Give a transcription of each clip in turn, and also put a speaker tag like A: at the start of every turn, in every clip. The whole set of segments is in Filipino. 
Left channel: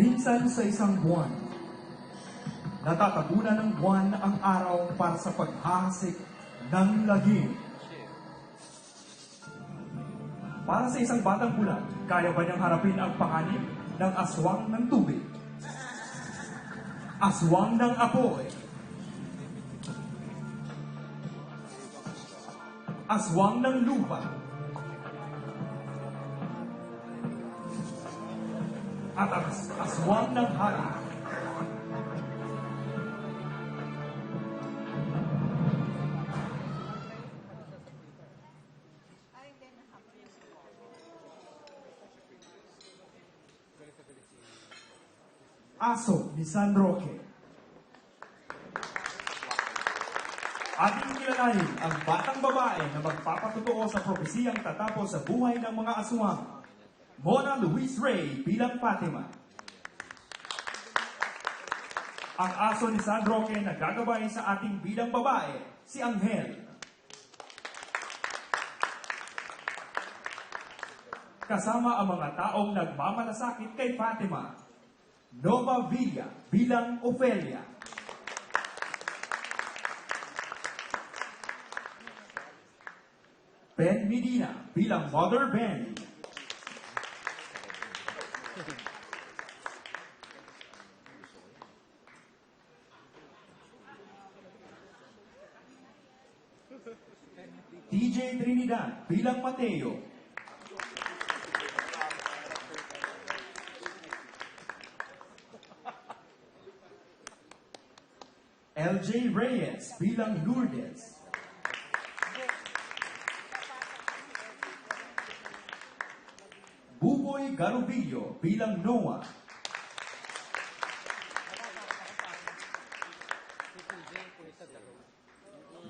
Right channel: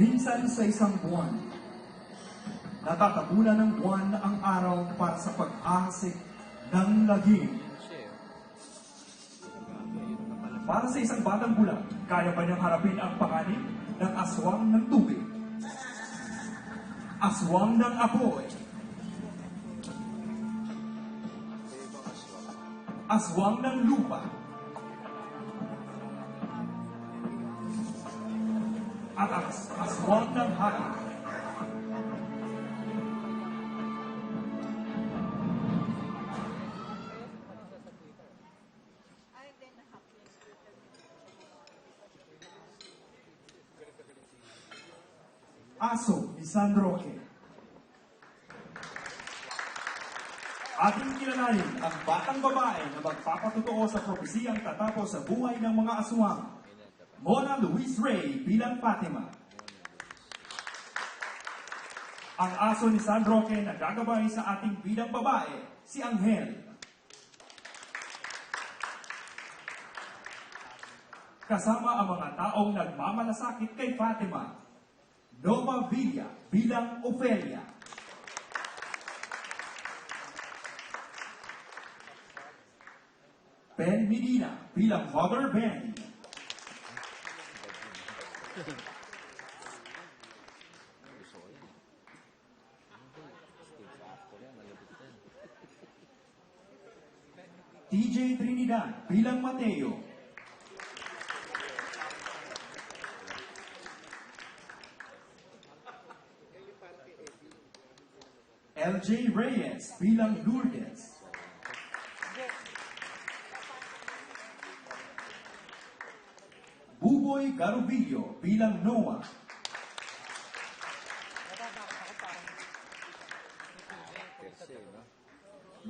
A: Minsan sa isang buwan, natatabunan ng buwan ang araw para sa paghasik ng lagim. Para sa isang batang bulan, kaya ba niyang harapin ang panganib ng aswang ng tubig? Aswang ng apoy. Aswang ng lupa. At as aswang ng
B: happy.
A: Aso ni San Roque. Ating kilalanin ang batang babae na magpapatutuo sa propesiyang tatapos sa buhay ng mga aswang. Mona Luis Ray bilang Fatima. Ang aso ni San Roque na gagabay sa ating bilang babae, si Angel. Kasama ang mga taong nagmamalasakit kay Fatima. Nova Villa bilang Ofelia. Ben Medina bilang Mother Ben. Trinidad bilang Mateo. LJ Reyes bilang Lourdes. Buboy Garubillo bilang Noah.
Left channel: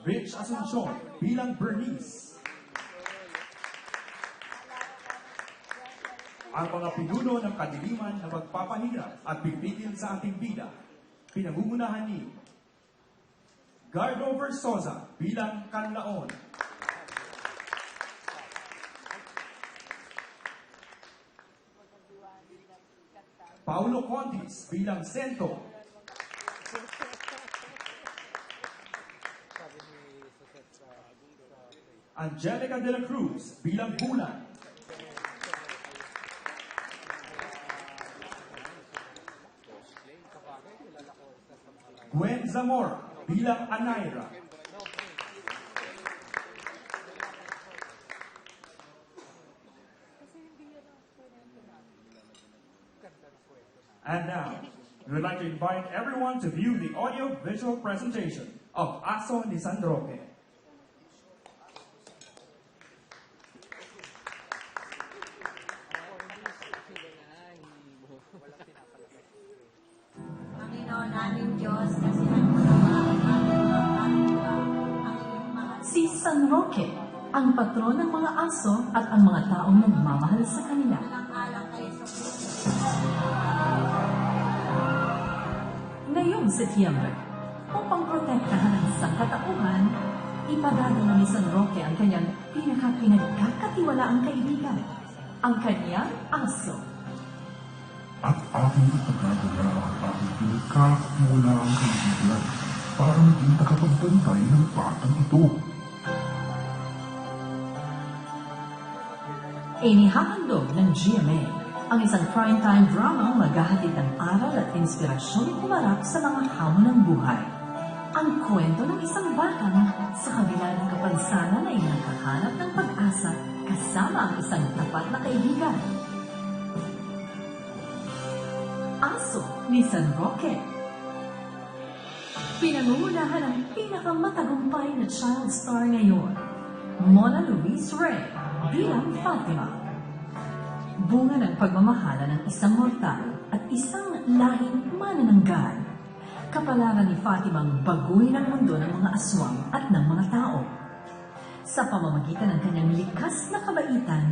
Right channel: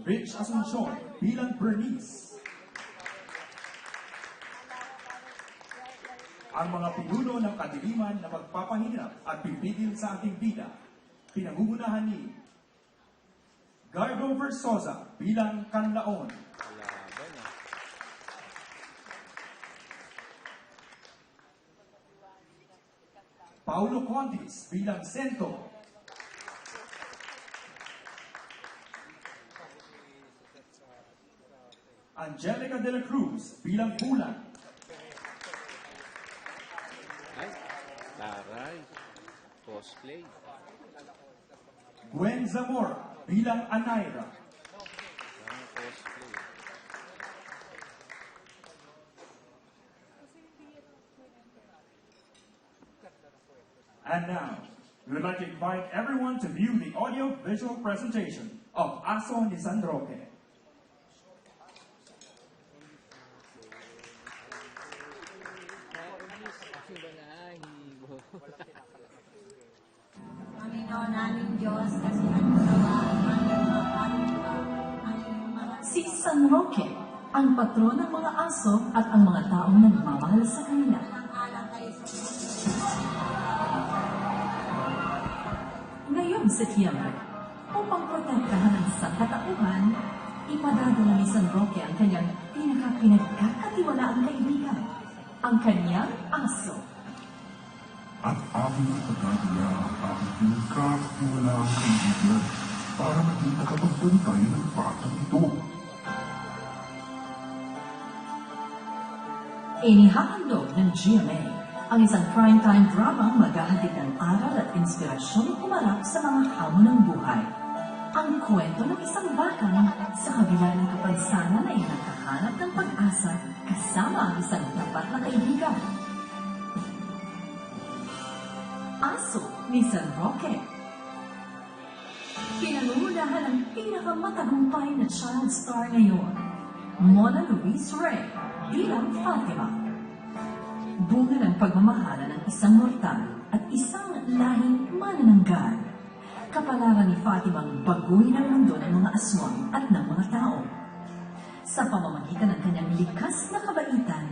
A: Rich Asuncion bilang Bernice. Ang mga pinuno ng kadiliman na magpapahirap at pipigil sa ating vida, pinangungunahan ni Gardo Versosa bilang Kanlaon. Paulo Contis bilang Sento. Angelica de la Cruz bilang Bulan.
C: Ganda ng kwento na.
A: And now, we'd like to invite everyone to view the audio-visual presentation of Aso ni
C: ang
D: patron ng mga aso at ang mga taong nagmamahal sa kanya. Ngayong Setyembre, upang protektahan ang isang katapuhan, ipadadala ni San Roque ang kanyang pinaka-pinagkakatiwalaang kaibigan, ang kanyang aso.
E: at ating ipagdadala ang aming pinagkakmula ang kaibigan para maging nakapagbantay ng batang ito.
D: Inihahandog ng GMA ang isang primetime drama maghahatid ng aral at inspirasyon humarap sa mga hamon ng buhay. Ang kwento ng isang batang sa kabila ng kapansanan ay nakahanap ng pag-asa kasama ang isang tapat na kaibigan. Aso ni San Roque Pinangunahan ang pinakamatagumpay na child star ngayon, Mona Luis Ray bilang Fatima. Bunga ng pagmamahala ng isang mortal at isang lahing manananggal. Kapalaran ni Fatima ang baguhin ang mundo ng mga aswang at ng mga tao. Sa pamamagitan ng kanyang likas na kabaitan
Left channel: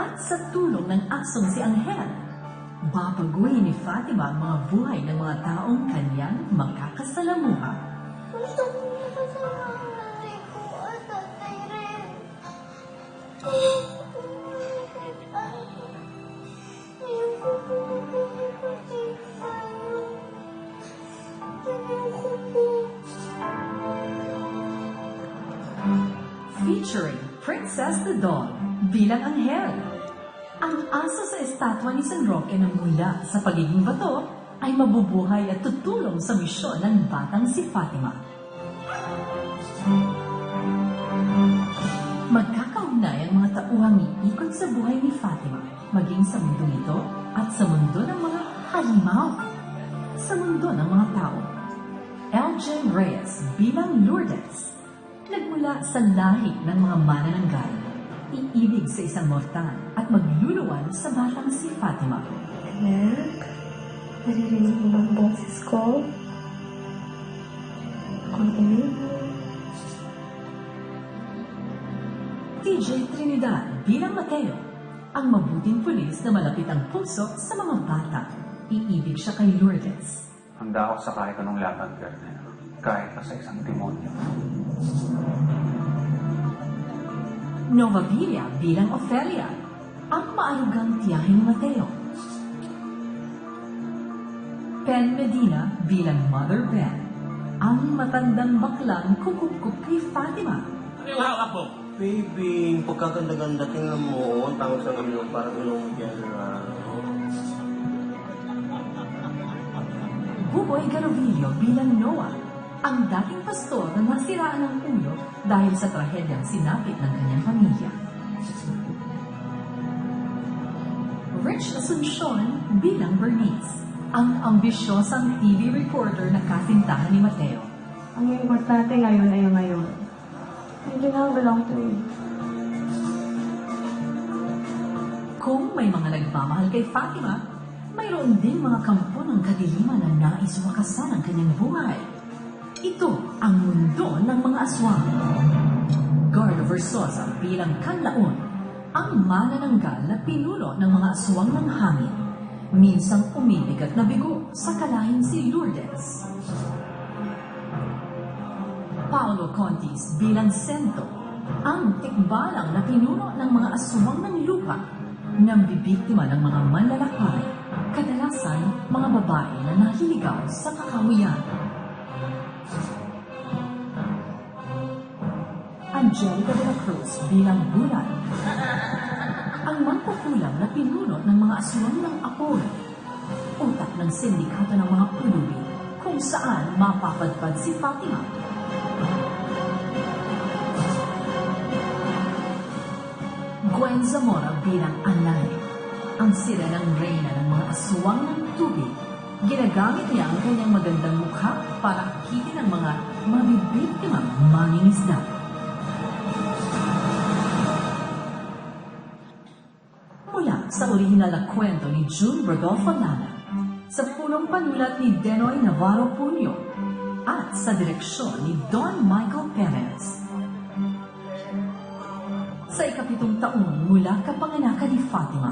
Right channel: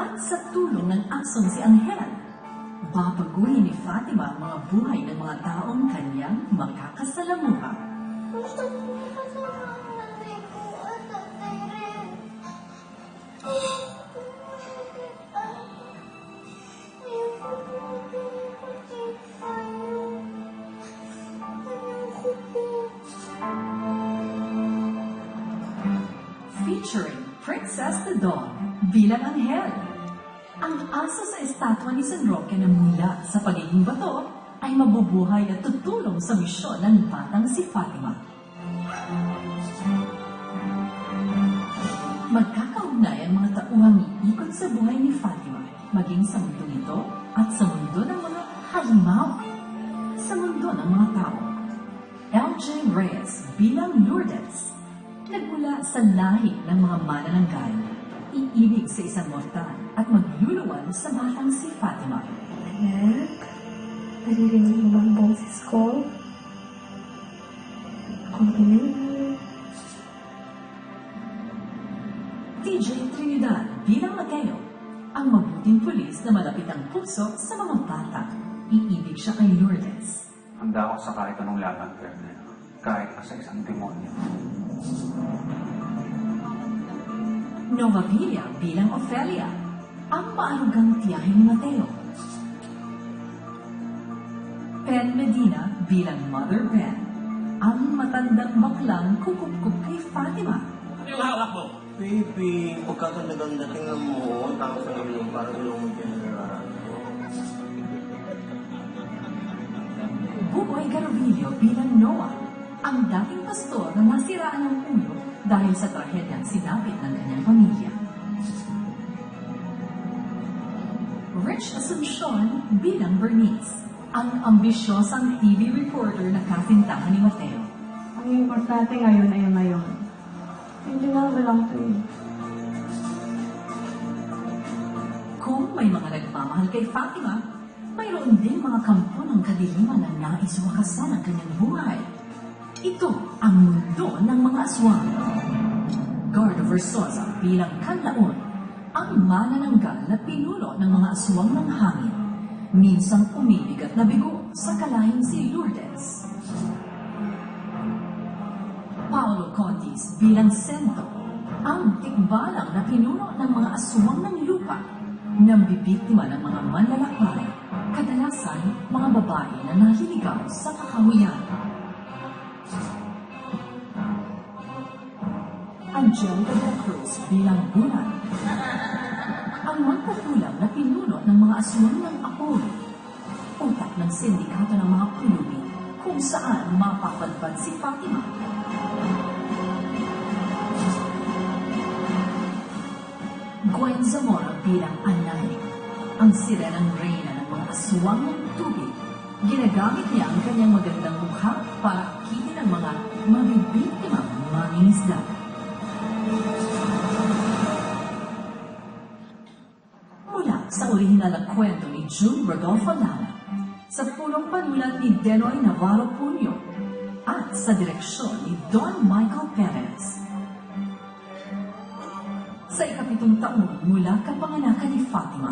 D: at sa tulong ng aso si Angel, babaguhin ni Fatima ang mga buhay ng mga taong kanyang makakasalamuha.
F: gusto ko
D: Featuring Princess the Dawn, bilang anghel. Ang asa sa estatwa ni San Roque na mula sa pagiging bato ay mabubuhay at tutulong sa misyon ng batang si Fatima. Thank you. Sa buhay ni Fatima, maging sa mundo nito at sa mundo ng mga halimaw. Sa mundo ng mga tao. Elgin Reyes bilang Lourdes. Nagmula sa lahi ng mga manananggal, iibig sa isang mortal at magluluwal sa batang si Fatima.
F: Anak, naririnig mo ba ang boses ko? Ang ingay.
D: DJ Trinidad bilang Mateo, ang mabuting pulis na malapit ang puso sa mga bata. Iibig siya kay Lourdes.
G: Handa ako sa kahit anong laban, Colonel. Kahit pa sa isang demonyo.
D: Nova Villa bilang Ophelia, ang maarugang tiyahin ni Mateo. Pen Medina bilang Mother Pen, ang matandang baklang kumukup kay Fatima.
C: Baby, pagkaganda-ganda tingnan mo, tawag sa ilong, parang ilong yan.
D: Buboy Garovillo bilang Noah, ang dating pastor na nasiraan ng ulo dahil sa trahedyang sinapit ng kanyang pamilya. Rich Asuncion bilang Bernice, ang ambisyosang TV reporter na kasintahan ni Mateo.
F: Ang importante ngayon ay ngayon. Hindi na walang pwede.
D: Kung may mga nagmamahal kay Fatima, mayroon din mga kampo ng kadiliman na nais makasan ang kanyang buhay. Ito ang mundo ng mga aswang. Guard Versosa bilang kanlaon, ang manananggal na pinuno ng mga aswang ng hangin. Minsang umibig at nabigo sa kalahin si Lourdes. Paolo Contis bilang Sento, ang tikbalang na pinuno ng mga aswang ng lupa na bibiktima ng mga manlalakbay, kadalasan mga babae na nahiligaw sa kakawiyan. Angel de la Cruz bilang bulan, ang magkukulang na pinuno ng mga aswang ng Apolo, utak ng sindikato ng mga ulubi kung saan mapapadpad si Fatima Gwen Zamora bilang Anay, ang sirenang reyna ng mga aswang ng tubig. Ginagamit niya ang kanyang magandang mukha para kitin ang mga mabibiktima ng mangingisda. Mula sa orihinal na kwento ni June Rodolfo Nana, sa purong panulat ni Denoy Navarro Puño, at sa direksyon ni Don Michael Perez. Sa ikapitong taon mula kapanganakan ni Fatima,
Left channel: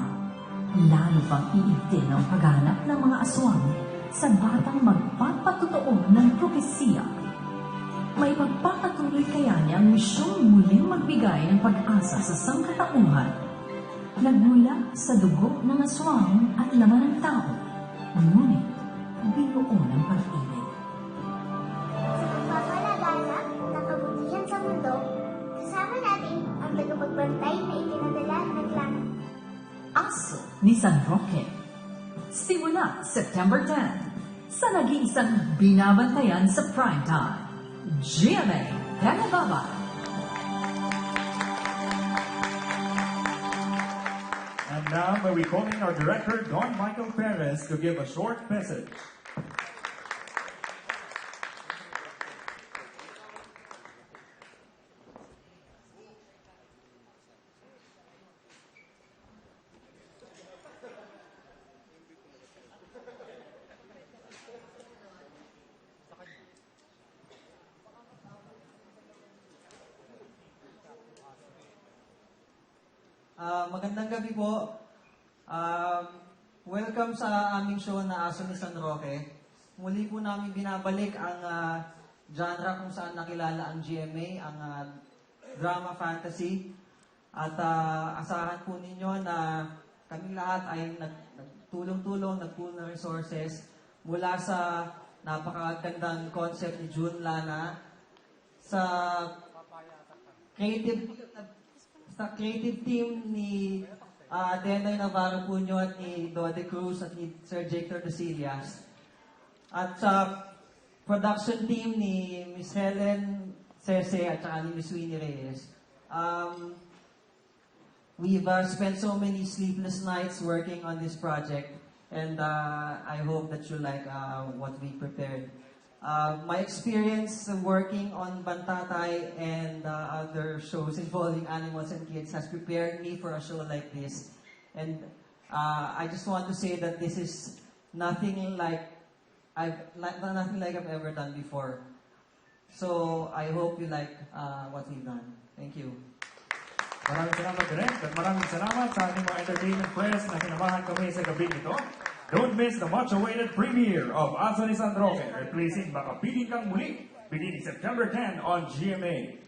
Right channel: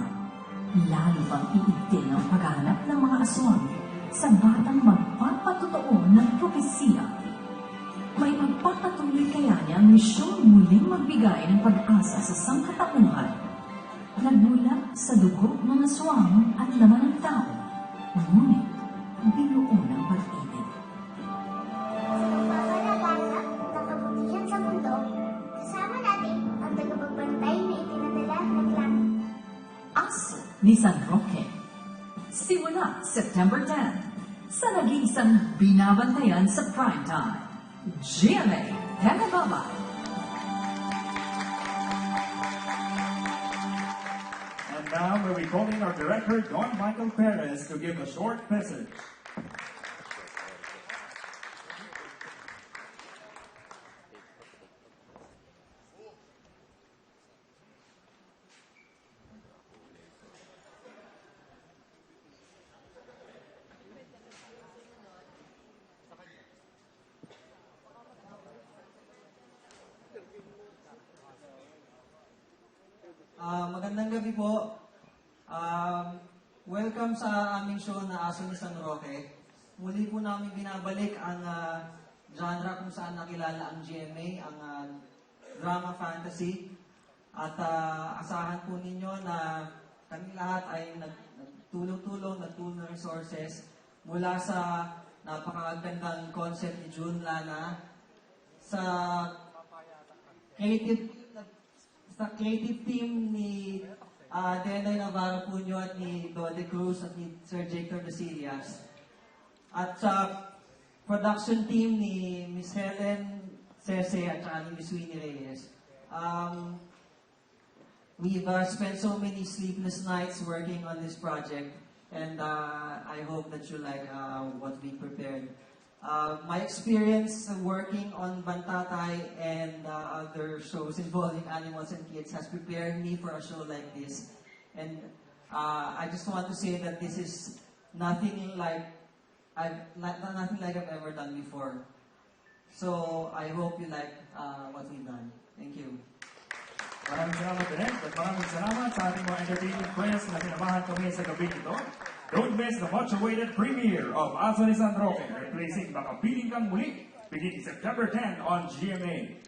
D: lalo pang iigting ang paghanap ng mga aswang sa batang magpapatotoo ng propesiya. May magpapatuloy kaya niya ang misyong muling magbigay ng pag-asa sa sangkatauhan. Nagmula sa dugo ng aswang at laman ng tao, ngunit San Roque. Simula September 10 sa nag-iisang binabantayan sa primetime. GMA Telebaba.
A: And now may we call in our director, Don Michael Perez, to give a short message.
C: Ah, magandang gabi po. Um, welcome sa aming show na Aso ni San Roque. Muli po namin binabalik ang ah, genre kung saan nakilala ang GMA, ang ah, drama fantasy. At ah, asahan po ninyo na kami lahat ay nag- nagtulong-tulong, nag-pool ng resources mula sa napakagandang concept ni June Lana sa creative sa creative team ni uh, Denoy Navarro Puño at ni Dode Cruz at ni Sir Jacob Casillas. At sa production team ni Miss Helen Cerce at saka ni Miss Winnie Reyes. Um, we've uh, spent so many sleepless nights working on this project and uh, I hope that you like uh, what we prepared. Uh, my experience working on Bantatay and uh, other shows involving animals and kids has prepared me for a show like this. And uh, I just want to say that this is nothing like I've nothing like I've ever done before. So I hope you like uh, what we've done. Thank you.
A: Maraming salamat Direk at maraming salamat sa ating mga entertainment players na sinamahan kami sa gabi nito. Don't miss the much-awaited premiere of ni San Roque, replacing Makapiling Kang Muli, beginning September 10 on GMA.